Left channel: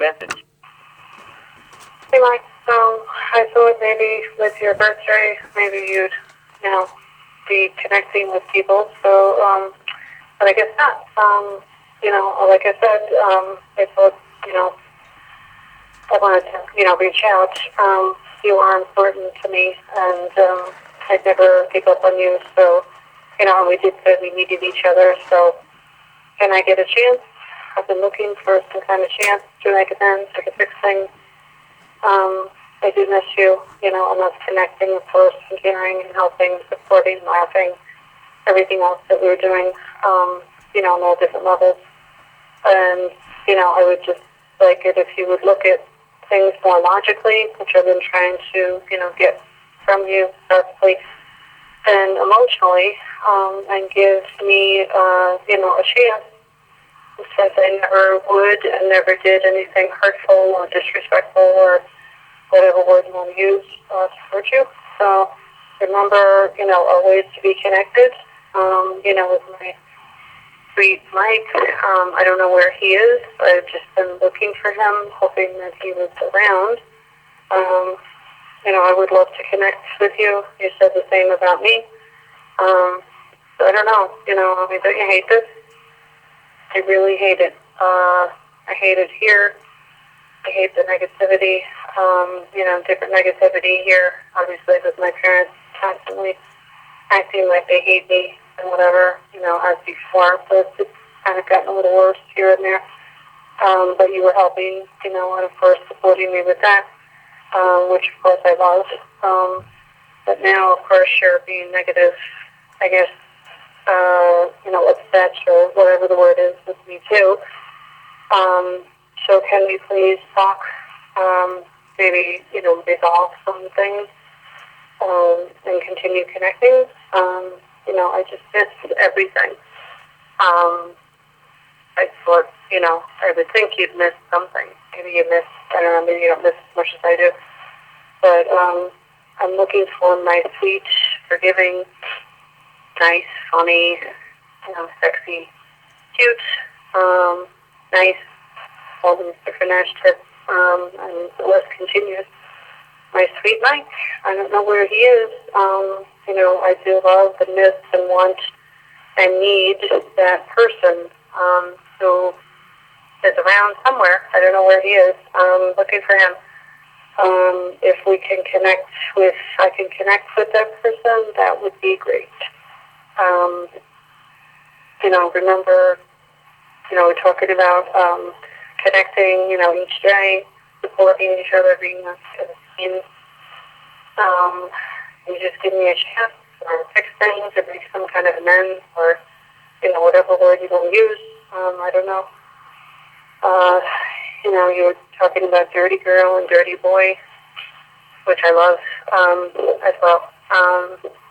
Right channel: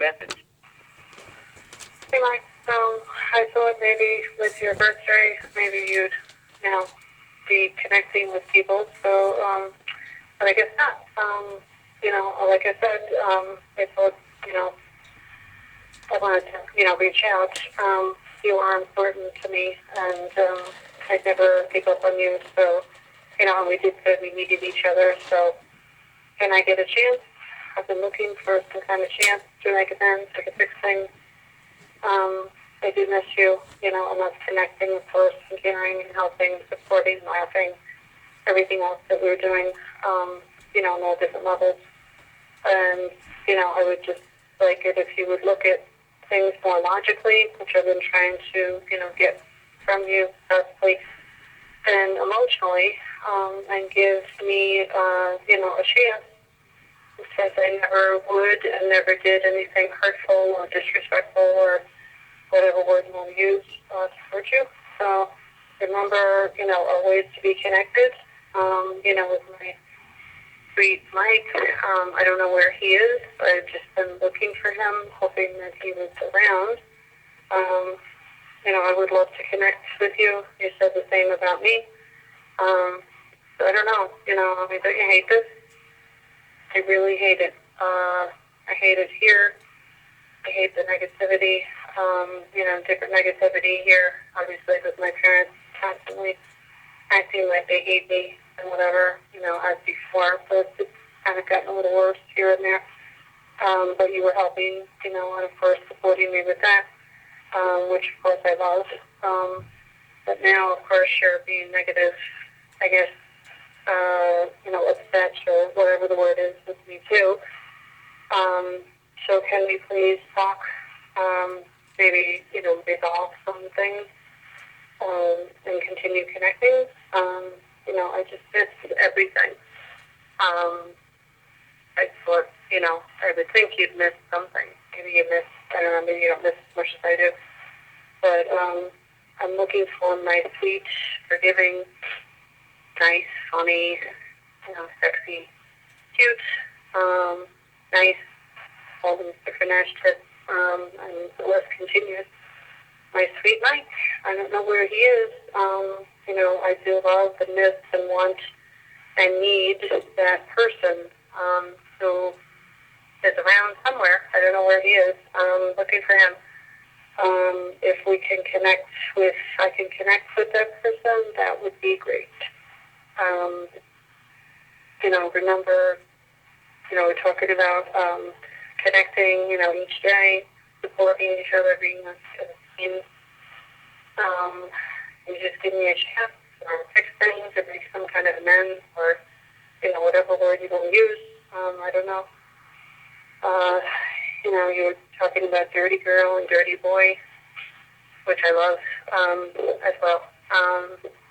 message. Hey, Mike. I thought maybe with your birthday, maybe you'd, be connecting with people. So, but I guess not. Like I said, I thought, I wanted to, reach out. You are important to me, and I'd never give up on you. So, and we did say we needed each other. So, can I get a chance? I've been looking for some kind of chance to make amends, to fix things. I do miss you, and us connecting, of course, and caring and helping, supporting, laughing, everything else that we were doing, on all different levels. And, I would just like it if you would look at things more logically, which I've been trying to, get from you personally and emotionally, and give me, a chance. Since I never would and never did anything hurtful or disrespectful or whatever word you want to use to hurt you. So remember, always to be connected, with my sweet Mike. I don't know where he is. I've just been looking for him, hoping that he was around. I would love to connect with you. You said the same about me. So I don't know, don't you hate this? I really hate it. I hate it here. I hate the negativity, different negativity here, obviously with my parents constantly acting like they hate me and whatever, as before, but it's kind of gotten a little worse here and there. But you were helping, and of course supporting me with that, which of course I love. But now, of course, you're being negative, I guess, upset or whatever the word is with me too. So can we please talk, maybe, resolve some things, and continue connecting? I just missed everything. I thought, I would think you'd miss something. Maybe you miss, I don't know, maybe you don't miss as much as I do. But I'm looking for my sweet, forgiving, nice, funny, sexy, cute, nice, all these different adjectives, and the list continues. My sweet Mike, I don't know where he is. I do love and miss and want and need that person who is around somewhere. I don't know where he is. Looking for him. If we can connect with, I can connect with that person, that would be great. Remember, we're talking about connecting, each day, supporting each other, being a team. You just give me a chance or fix things or make some kind of amends or, whatever word you want to use. I don't know. You were talking about dirty girl and dirty boy, which I love as well.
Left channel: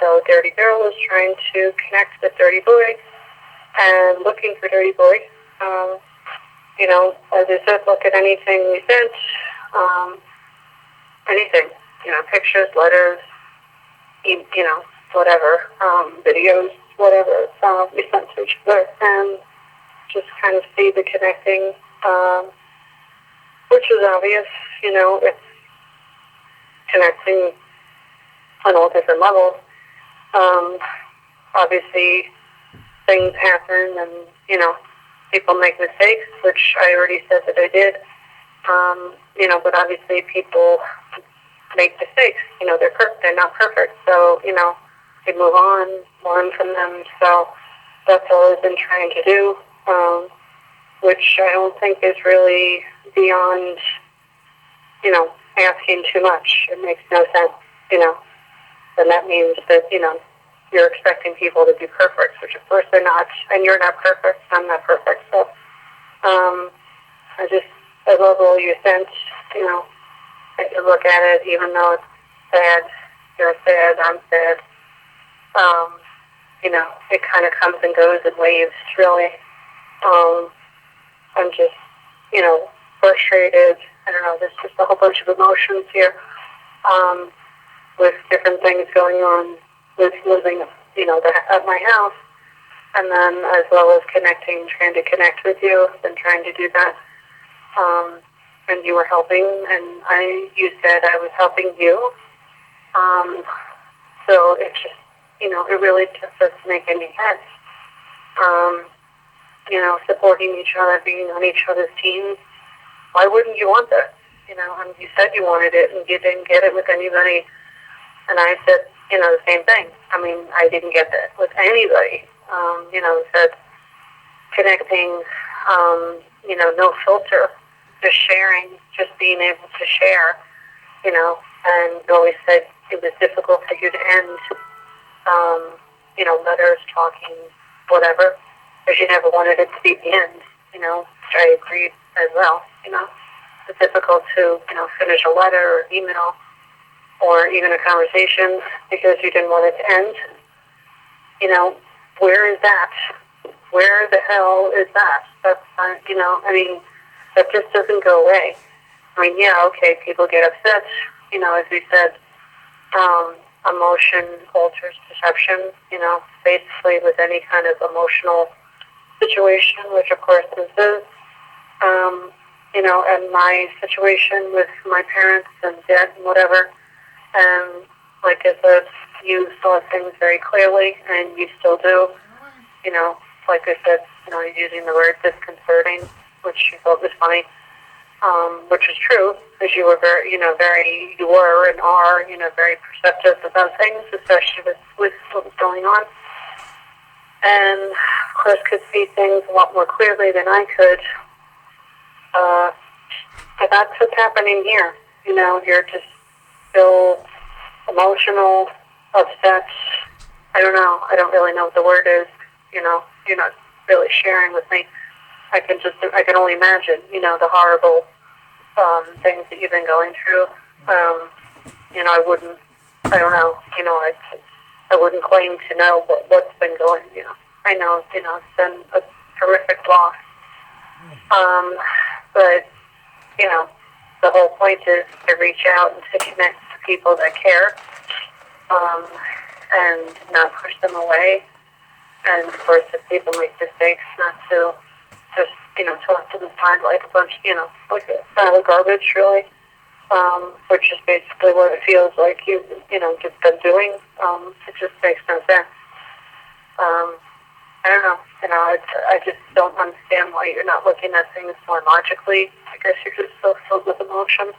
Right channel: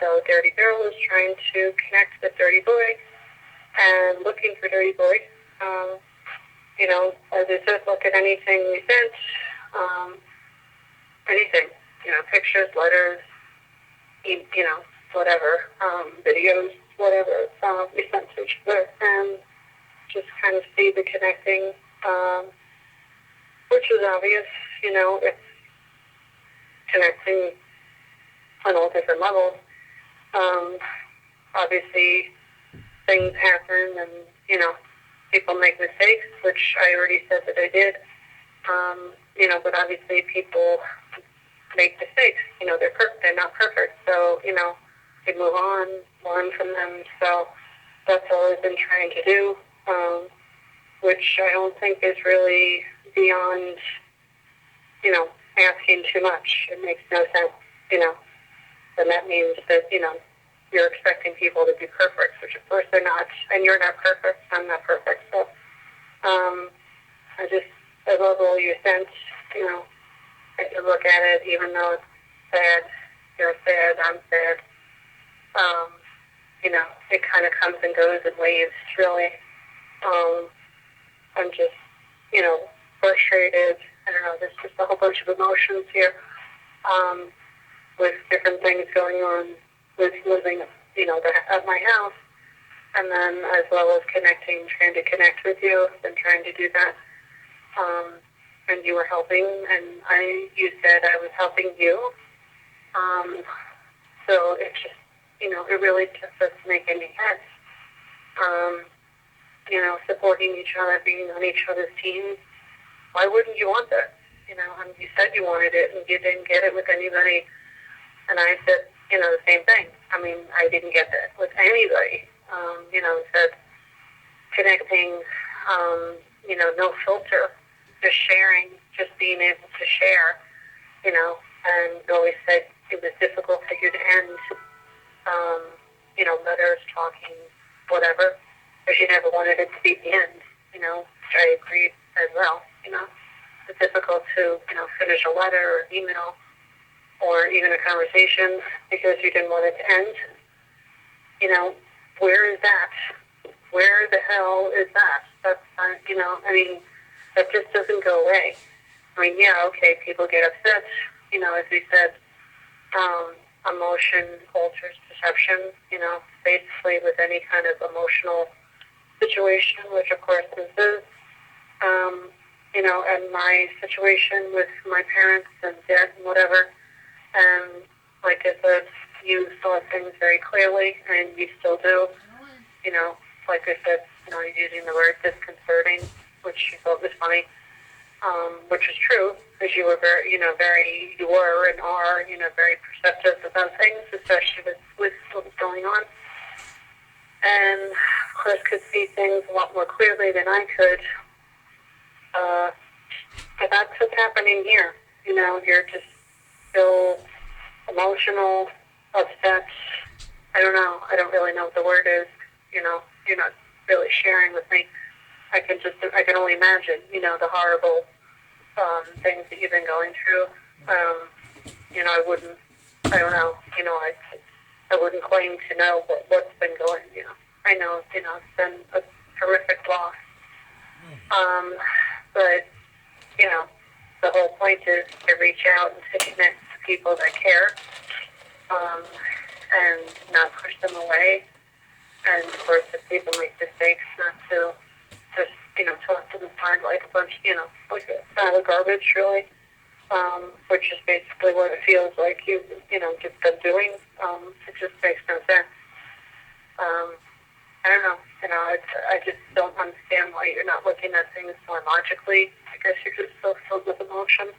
So dirty girl is trying to connect with dirty boy and looking for dirty boy. As I said, look at anything we sent, anything, pictures, letters, whatever, videos, whatever we sent to each other, and just kind of see the connecting, which is obvious, it's connecting on all different levels. Obviously, things happen and, people make mistakes, which I already said that I did. But obviously people make mistakes. They're not perfect. So, they move on, learn from them. So that's all I've been trying to do, which I don't think is really beyond, asking too much. It makes no sense, then that means that, you're expecting people to be perfect, which of course they're not, and you're not perfect, I'm not perfect. So I love all you sent, I can look at it, even though it's sad, you're sad, I'm sad. It kind of comes and goes in waves, really. I'm just, frustrated. I don't know, there's just a whole bunch of emotions here, with different things going on with living, at my house, and then as well as trying to connect with you, and trying to do that. and you were helping, and you said I was helping you. So it just, it really just doesn't make any sense. Supporting each other, being on each other's teams. Why wouldn't you want that? You said you wanted it, and you didn't get it with anybody. And I said, the same thing. I didn't get that with anybody. Said connecting, no filter, just sharing, just being able to share, and you always said it was difficult for you to end, letters, talking, whatever, because you never wanted it to be the end, which I agreed as well, It's difficult to, finish a letter or email or even a conversation because you didn't want it to end. Where is that? Where the hell is that? That's, that just doesn't go away. Okay, people get upset. As we said, emotion alters perception, basically with any kind of emotional situation, which of course this is. And my situation with my parents and debt and whatever, and like I said, you saw things very clearly, and you still do. Like I said, using the word disconcerting, which you thought was funny, which is true, because you were you were and are, very perceptive about things, especially with what was going on. And of course could see things a lot more clearly than I could. But that's what's happening here. You're just still emotional, upset. I don't know. I don't really know what the word is. You're not really sharing with me. I can only imagine, the horrible things that you've been going through. I don't know, I wouldn't claim to know what's been going, I know, it's been a horrific loss. But, the whole point is to reach out and to connect to people that care, and not push them away. And of course, if people make mistakes, not to just, talk to them like a bunch, like a pile of garbage, really, which is basically what it feels like you've been doing. It just makes no sense. I don't know, I just don't understand why you're not looking at things more logically. I guess you're just so filled with emotion,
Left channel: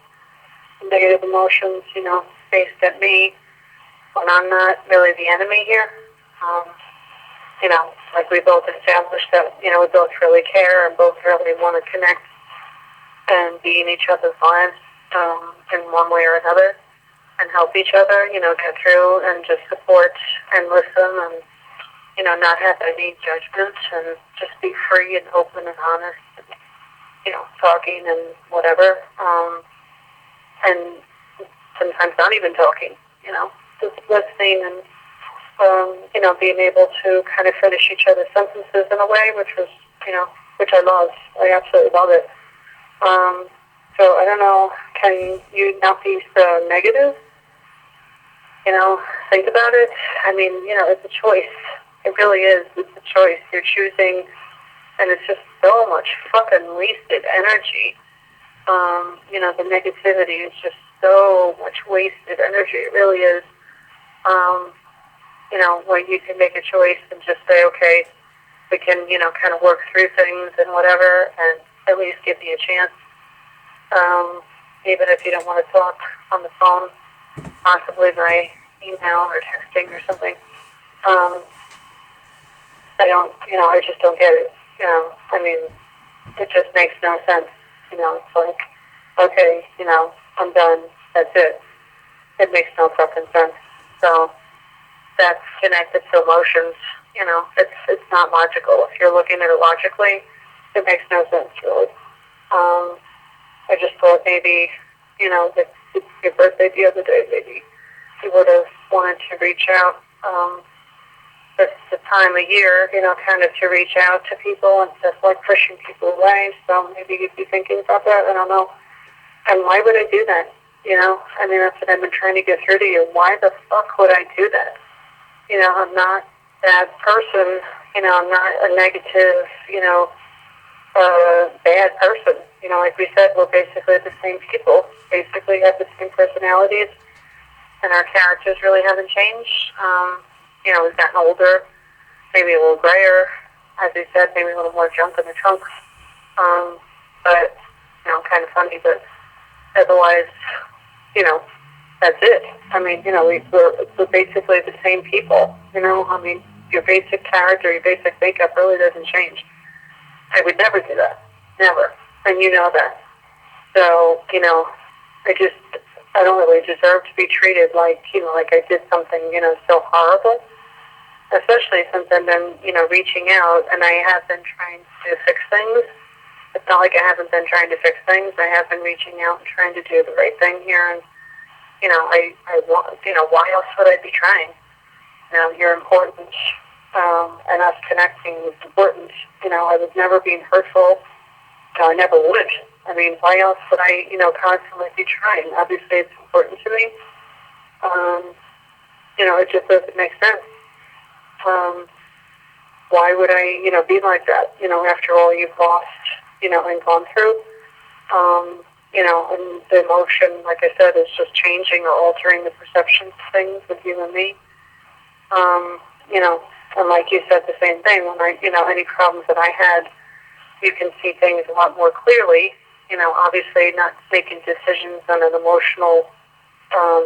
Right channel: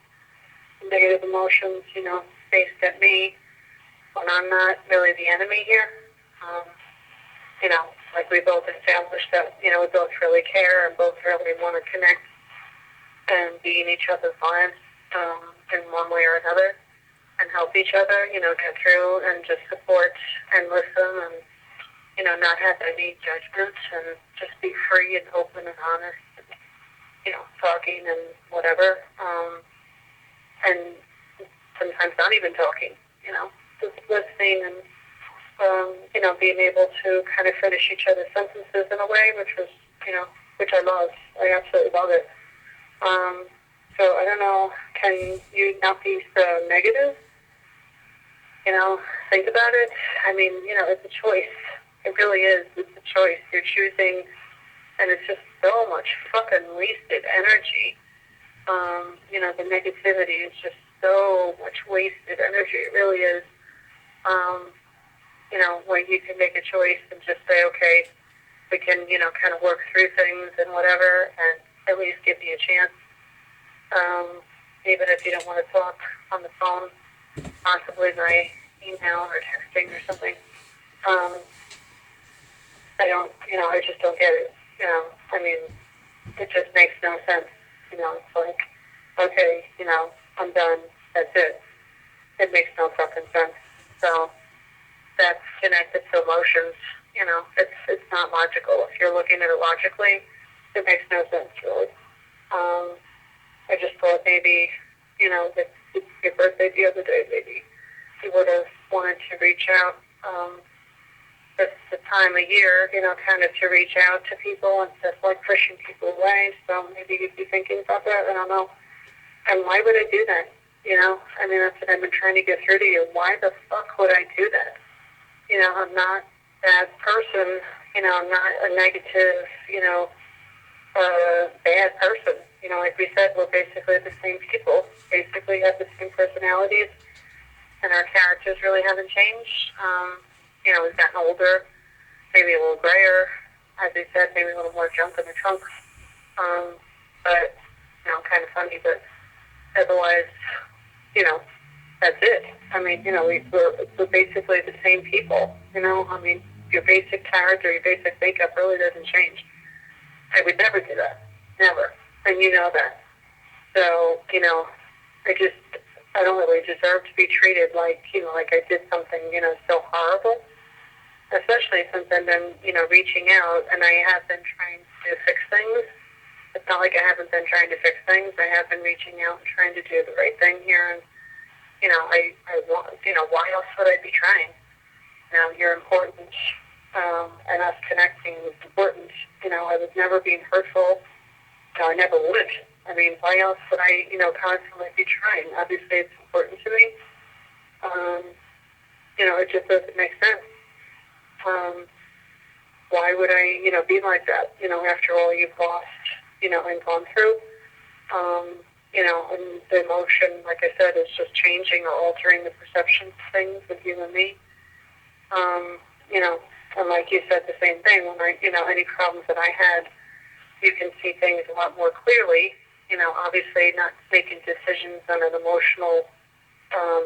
negative emotions, based at me, when I'm not really the enemy here. Like we both established that, we both really care and both really want to connect and be in each other's lives in one way or another and help each other, get through and just support and listen and, not have any judgments and just be free and open and honest and, talking and whatever. And sometimes not even talking, just listening and, being able to kind of finish each other's sentences in a way, which was, which I love. I absolutely love it. So I don't know, can you not be so negative? Think about it. It's a choice. It really is. It's a choice. You're choosing, and it's just so much fucking wasted energy. The negativity is just so much wasted energy. It really is. Where you can make a choice and just say, okay, we can, kind of work through things and whatever, and at least give me a chance. Even if you don't want to talk on the phone, possibly by email or texting or something. I just don't get it. It just makes no sense. It's like, okay, I'm done. That's it. It makes no fucking sense. So that's connected to emotions. It's not logical. If you're looking at it logically, it makes no sense, really. I just thought maybe, that it's your birthday the other day, maybe you would have wanted to reach out. It's the time of year, kind of to reach out to people instead of like pushing people away. So maybe you'd be thinking about that. I don't know. And why would I do that? That's what I've been trying to get through to you. Why the fuck would I do that? I'm not that person. I'm not a negative, a bad person. You know, like we said, we're basically the same people, basically have the same personalities, and our characters really haven't changed. You know, we've gotten older, maybe a little grayer, as we said, maybe a little more junk in the trunk. But, you know, kind of funny, but otherwise, you know, that's it. I mean, you know, we're basically the same people, you know. I mean, your basic character, your basic makeup really doesn't change. I would never do that. Never. And you know that. So, you know, I don't really deserve to be treated like, you know, like I did something, you know, so horrible. Especially since I've been, you know, reaching out, and I have been trying to fix things. It's not like I haven't been trying to fix things. I have been reaching out and trying to do the right thing here. And, you know, I want, you know, why else would I be trying? You know, you're important, and us connecting is important. You know, I was never being hurtful. No, I never would. I mean, why else would I, you know, constantly be trying? Obviously, it's important to me. You know, it just doesn't make sense. Why would I, you know, be like that? You know, after all you've lost, you know, and gone through. You know, and the emotion, like I said, is just changing or altering the perception of things with you and me. You know, and like you said, the same thing. When I, you know, any problems that I had, you can see things a lot more clearly. You know, obviously not making decisions on an emotional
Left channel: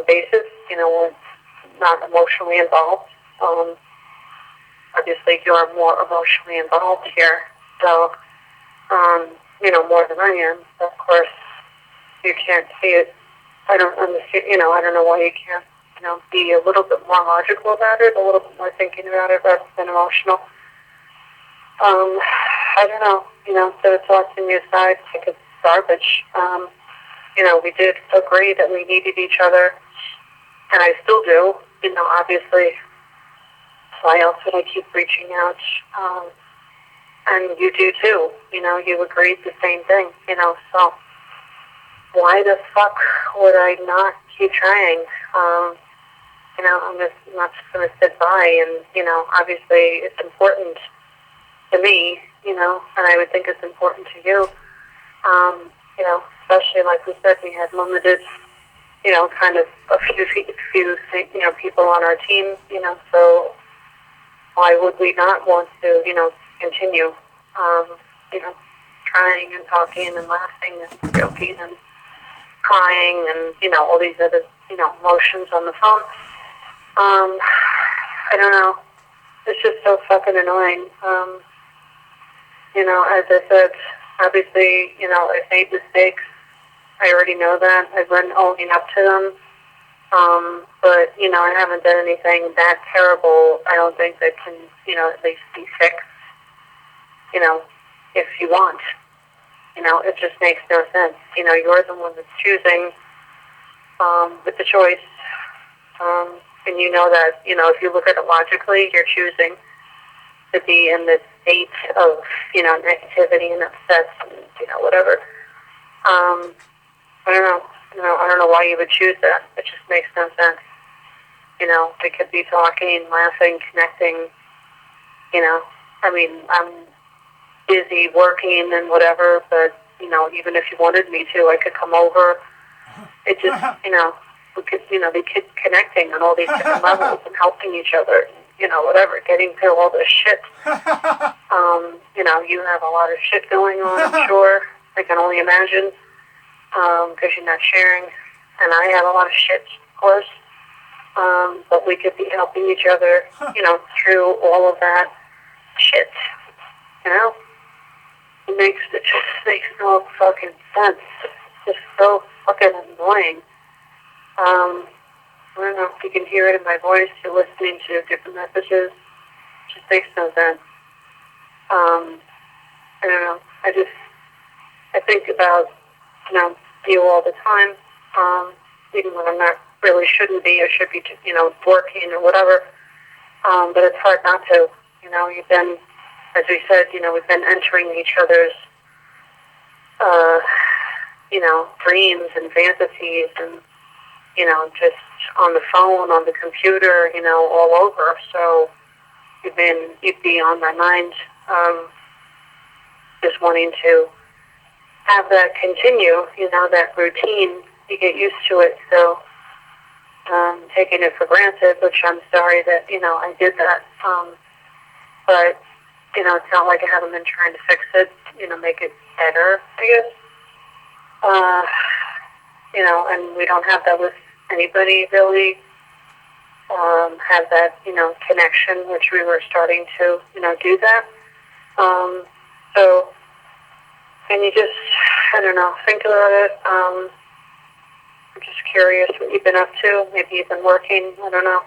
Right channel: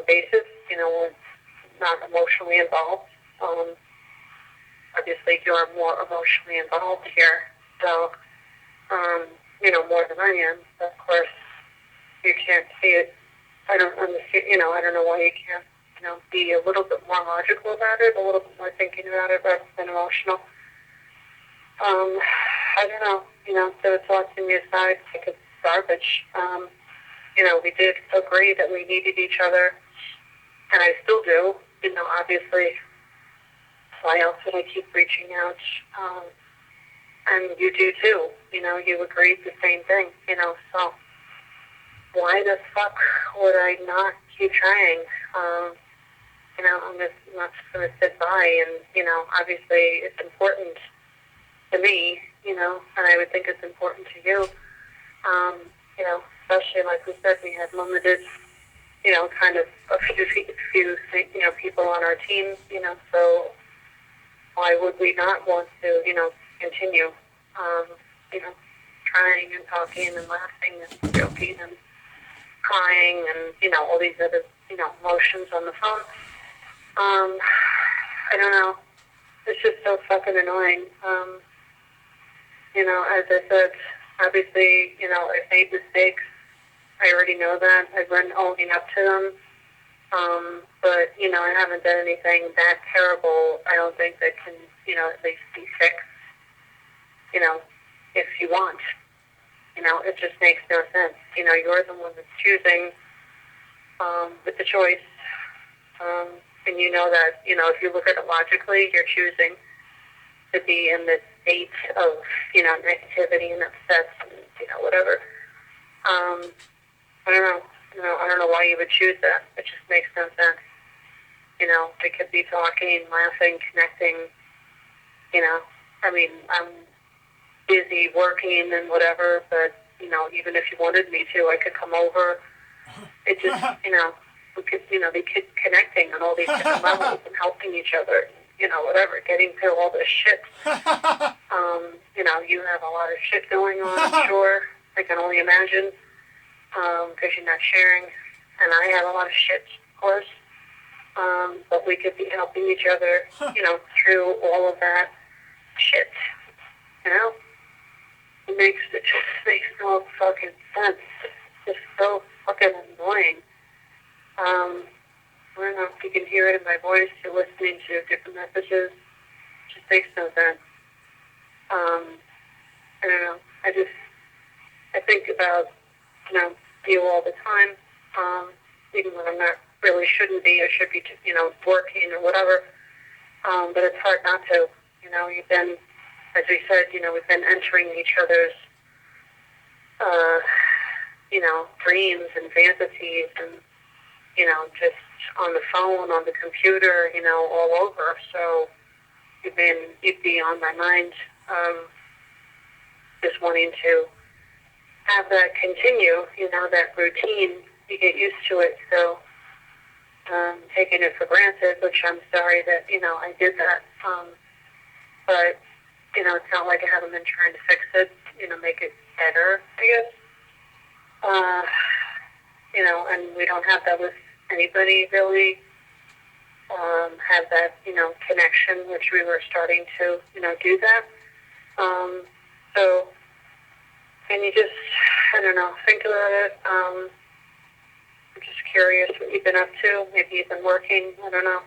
basis. You know, when it's not emotionally involved. Obviously, you're more emotionally involved here, so you know, more than I am. But of course, you can't see it. I don't understand. You know, I don't know why you can't, you know, be a little bit more logical about it, a little bit more thinking about it rather than emotional. I don't know. You know, so tossing me aside like it's garbage. You know, we did agree that we needed each other, and I still do. You know, obviously. Why else would I keep reaching out? And you do too. You know, you agreed the same thing. You know, so why the fuck would I not keep trying? You know, I'm not just going to sit by. And you know, obviously, it's important to me. You know, and I would think it's important to you. You know, especially like we said, we had limited. You know, kind of a few you know, people on our team. You know, so. Why would we not want to, you know, continue, you know, trying and talking and laughing and joking and crying and, you know, all these other, you know, emotions on the phone? I don't know. It's just so fucking annoying. You know, as I said, obviously, you know, I've made mistakes. I already know that. I've been owning up to them. But, you know, I haven't done anything that terrible. I don't think that can, you know, at least be fixed, you know, if you want. You know, it just makes no sense. You know, you're the one that's choosing with the choice. And you know that, you know, if you look at it logically, you're choosing to be in this state of, you know, negativity and upset and, you know, whatever. I don't know. You know, I don't know why you would choose that. It just makes no sense. You know, we could be talking, laughing, connecting. You know, I mean, I'm busy working and whatever, but, you know, even if you wanted me to, I could come over. It just, you know, we could, you know, be connecting on all these different levels and helping each other. You know, whatever, getting through all this shit. You know, you have a lot of shit going on, I'm sure. I can only imagine. Because you're not sharing, and I have a lot of shit, of course, but we could be helping each other, you know, through all of that shit, you know? It just makes no fucking sense. It's just so fucking annoying. I don't know if you can hear it in my voice, you're listening to different messages, it just makes no sense. I don't know, I think about, you know, you all the time, even when I'm not really shouldn't be or should be, you know, working or whatever. But it's hard not to. You know, you've been, as we said, you know, we've been entering each other's, you know, dreams and fantasies and, you know, just on the phone, on the computer, you know, all over. So you'd be on my mind, just wanting to have that continue, that routine, you get used to it. So taking it for granted, which I'm sorry that, I did that. But, it's not like I haven't been trying to fix it, make it better, I guess. And we don't have that with anybody really. Have that, connection, which we were starting to, do that. So, and you just, I don't know, think about it. I'm just curious what you've been up to. Maybe you've been working, I don't know.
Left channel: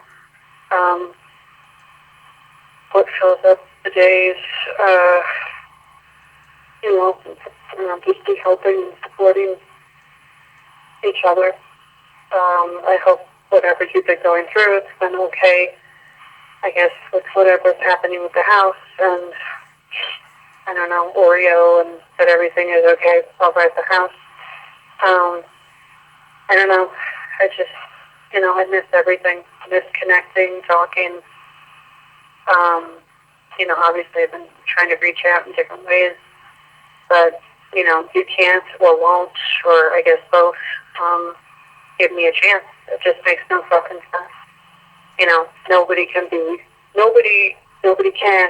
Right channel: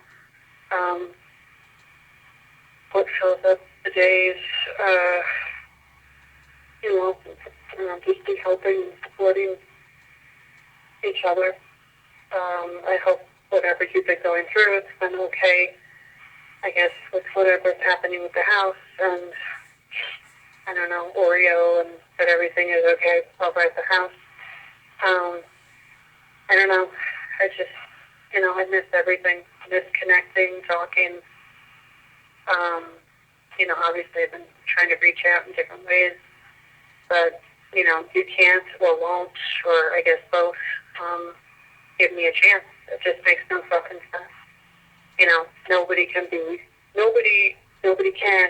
What fills up the days, just be helping and supporting each other. I hope whatever you've been going through, it's been okay, I guess, with whatever's happening with the house, and I don't know, Oreo, and that everything is okay over at the house. I don't know, I just, I miss everything, miss connecting, talking. Obviously I've been trying to reach out in different ways, but, you can't or won't, or I guess both, give me a chance. It just makes no fucking sense. Nobody can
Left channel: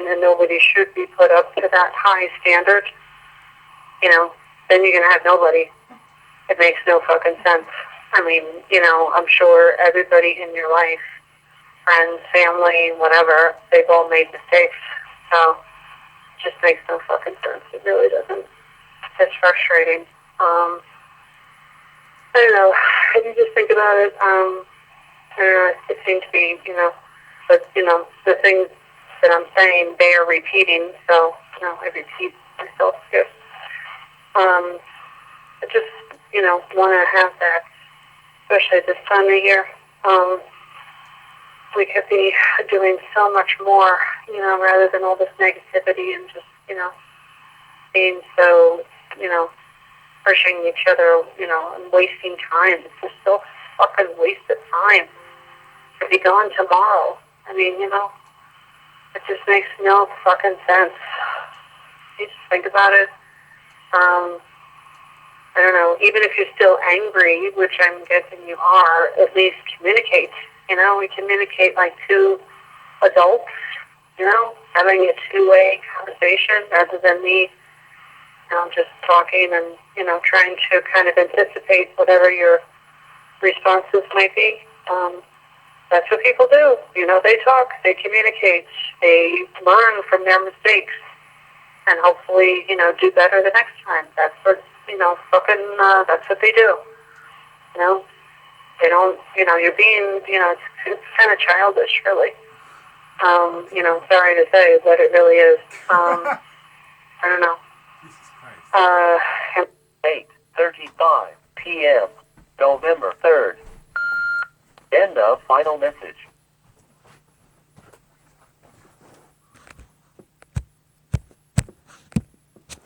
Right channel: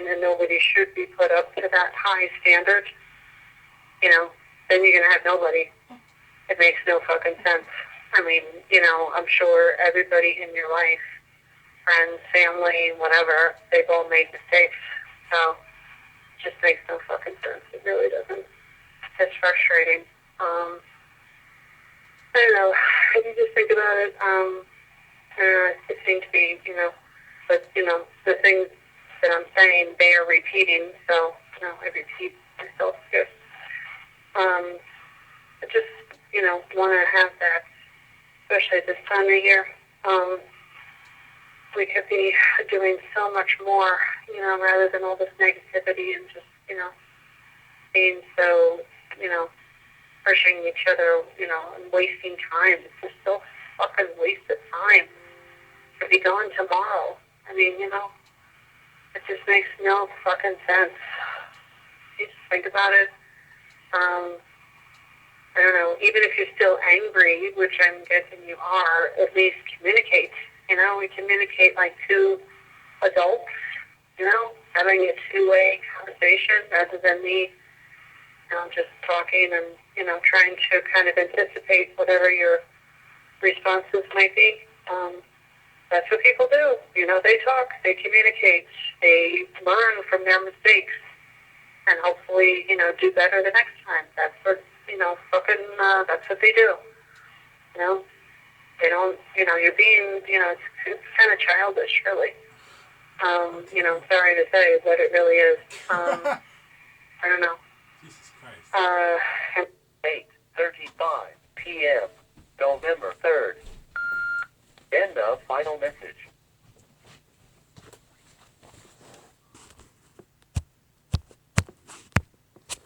and nobody should be put up to that high standard. Then you're going to have nobody. It makes no fucking sense. I mean, I'm sure everybody in your life, friends, family, whatever, they've all made mistakes. So it just makes no fucking sense. It really doesn't. It's frustrating. I don't know. If you just think about it, I don't know, it seems to be, but, the things that I'm saying, they are repeating, so, I repeat myself here. I just, want to have that, especially this time of year. We could be doing so much more, rather than all this negativity and just, being so, pushing each other, and wasting time. It's just so fucking wasted time to be gone tomorrow. I mean, it just makes no fucking sense. You just think about it. I don't know, even if you're still angry, which I'm guessing you are, at least communicate. We communicate like two adults, having a two-way conversation rather than me, just talking and, trying to kind of anticipate whatever your responses might be. That's what people do. They talk, they communicate, they learn from their mistakes, and hopefully, do better the next time. That's what, that's what they do. They don't, you're being, it's kind of childish, really. Sorry to say, but it really is. I don't know. Jesus Christ. 8:35 p.m. November 3rd. End of final message.